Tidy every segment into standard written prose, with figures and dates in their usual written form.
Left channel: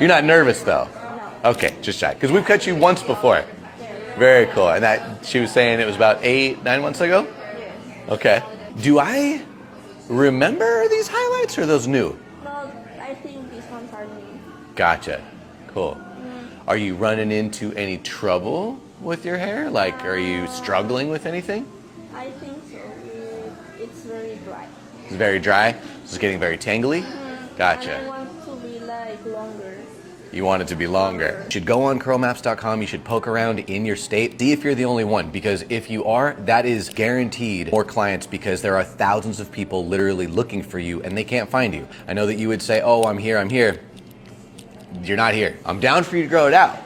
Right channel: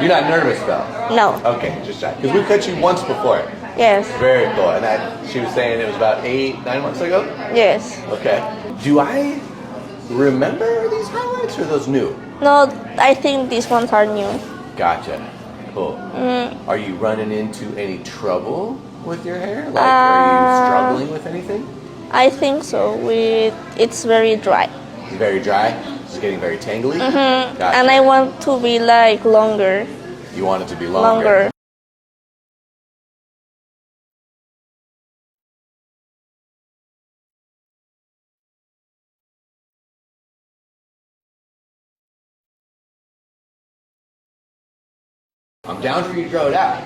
You're not nervous though? No. Okay, just check. Because we've cut you once before. Yes. Very cool. And that she was saying it was about 8-9 months ago? Yes. Okay. Do I remember these highlights or are those new? No, I think these ones are new. Gotcha. Cool. Are you running into any trouble with your hair? Like, are you struggling with anything? I think so. It's very dry. It's very dry? It's getting very tangly? Gotcha. And I want to be like longer. You want it to be longer. You should go on curlmaps.com. You should poke around in your state. See if you're the only one, because if you are, that is guaranteed more clients, because there are thousands of people literally looking for you and they can't find you. I know that you would say, oh, I'm here, I'm here. You're not here. I'm down for you to grow it out.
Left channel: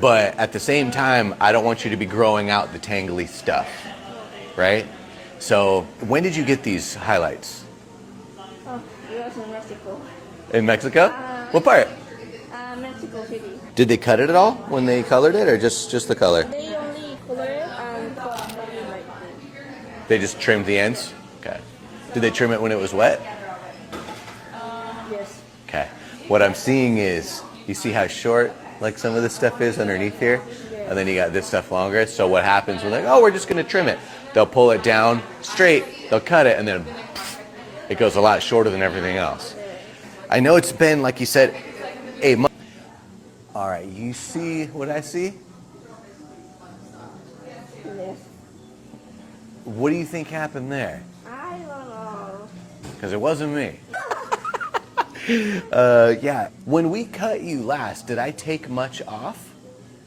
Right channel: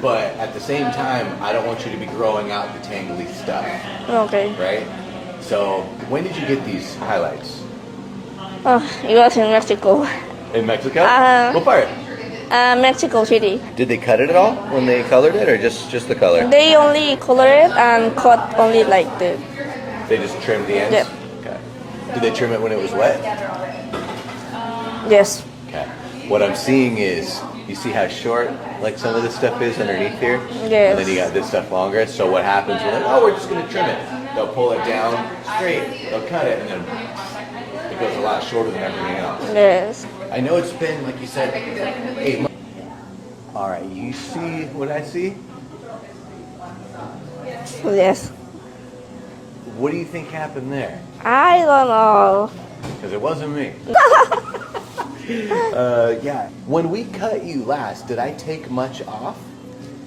But at the same time, I don't want you to be growing out the tangly stuff. Okay. Right? So when did you get these highlights? Oh, it was in Mexico. In Mexico? What part? Mexico City. Did they cut it at all when they colored it, or just the color? They only color it and cut only like the... They just trimmed the ends? Yep. Okay. Did they trim it when it was wet? Yes. Okay. What I'm seeing is, you see how short like some of this stuff is underneath here? Yes. And then you got this stuff longer. So what happens when oh, we're just gonna trim it. They'll pull it down straight, they'll cut it, and then it goes a lot shorter than everything else. Yes. I know it's been, like you said, 8 months. All right, you see what I see? Yes. What do you think happened there? I don't know. Because it wasn't me. Yeah. When we cut you last, did I take much off?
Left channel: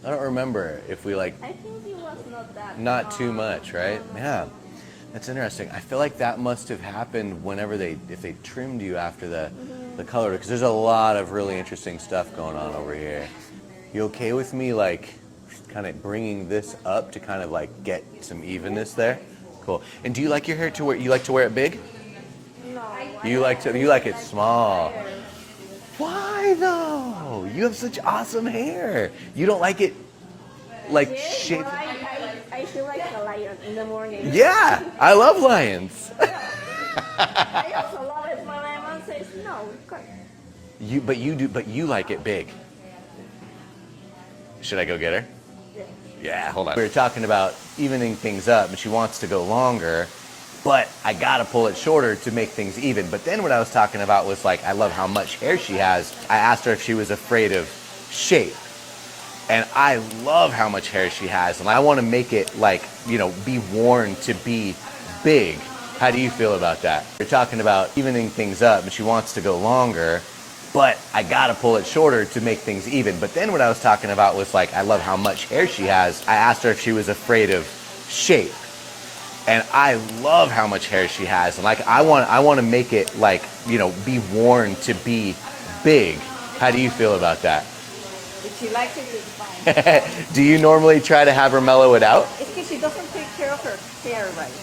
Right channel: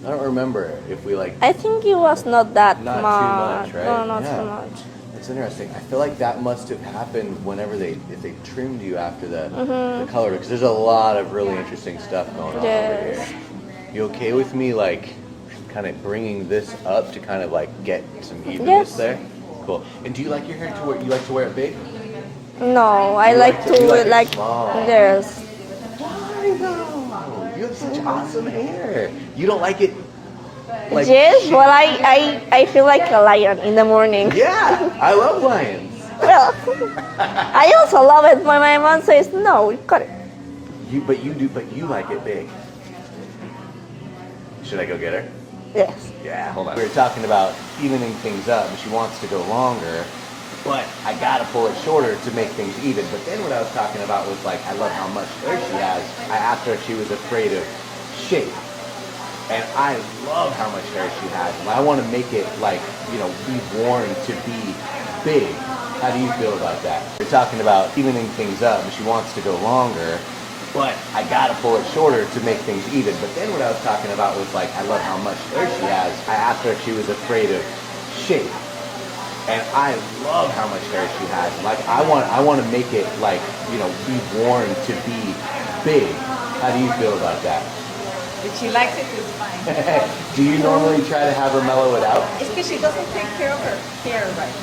I don't remember if we like... I think it was not that Not much. too much, right? No, not too much. That's interesting. I feel like that must have happened whenever if they trimmed you after the color, because there's a lot of really interesting stuff going on over here. You okay with me like kind of bringing this up to kind of like get some evenness there? Cool. And do you like your hair to wear? You like to wear it big? No, I like to you like it like small. yes. Why though? You have such awesome hair. You don't like it like Yes, well I feel like a lion in the morning. Yeah, I love lions. Well, I also love it, but my mom says no, cut it. But you like it big. Should I go get her? Yes. Yeah, hold on. We were talking about evening things up, and she wants to go longer, but I gotta pull it shorter to make things even. But then what I was talking about was like, I love how much hair she has. I asked her if she was afraid of shape. And I love how much hair she has, and I want to make it like, you know, be worn to be big. How do you feel about that? We're talking about evening things up, and she wants to go longer, but I gotta pull it shorter to make things even. But then what I was talking about was like, I love how much hair she has. I asked her if she was afraid of shape. And I love how much hair she has. And like, I want to make it like, you know, be worn to be big. How do you feel about that? If she likes it, it's fine. Do you normally try to have her mellow it out? It's because she doesn't take care of her hair right.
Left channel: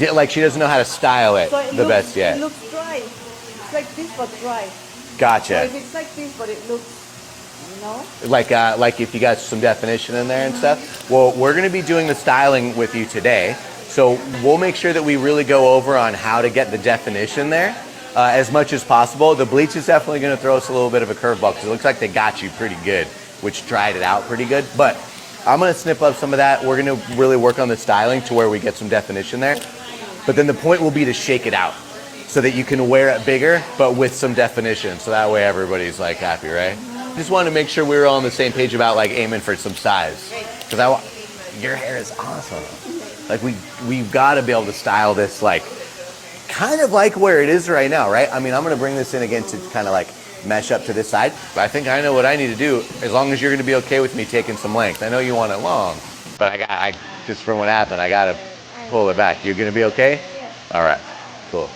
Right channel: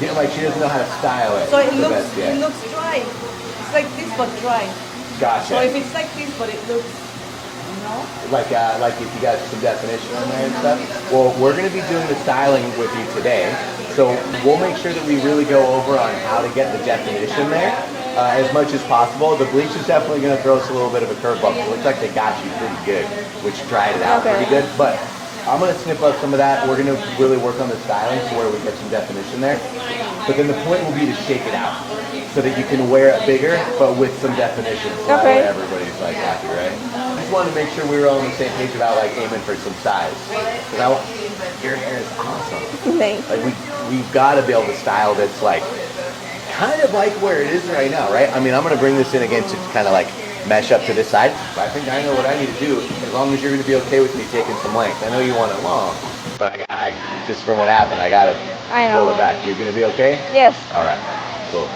Yeah, like she doesn't know how to style it So it the looks, best yet. it looks dry. It's like this but dry. Gotcha. So if it's like this but it looks, you know? Like if you got some definition in there and stuff. Well, we're going to be doing the styling with you today. So we'll make sure that we really go over on how to get the definition there as much as possible. The bleach is definitely going to throw us a little bit of a curveball because it looks like they got you pretty good, which dried it out pretty good. But I'm going to snip up some of that. We're going to really work on the styling to where we get some definition there. But then the point will be to shake it out so that you can wear it bigger, but with some definition. So that way everybody's like happy, right? Just wanted to make sure we were all on the same page about like aiming for some size. Because your hair is awesome. Thanks. Like we've got to be able to style this like kind of like where it is right now, right? I mean, I'm going to bring this in again to kind of like mesh up to this side. But I think I know what I need to do, as long as you're going to be okay with me taking some length. I know you want it long, but I just from what happened, I got to pull it back. You going to be okay? Yes. All right, cool.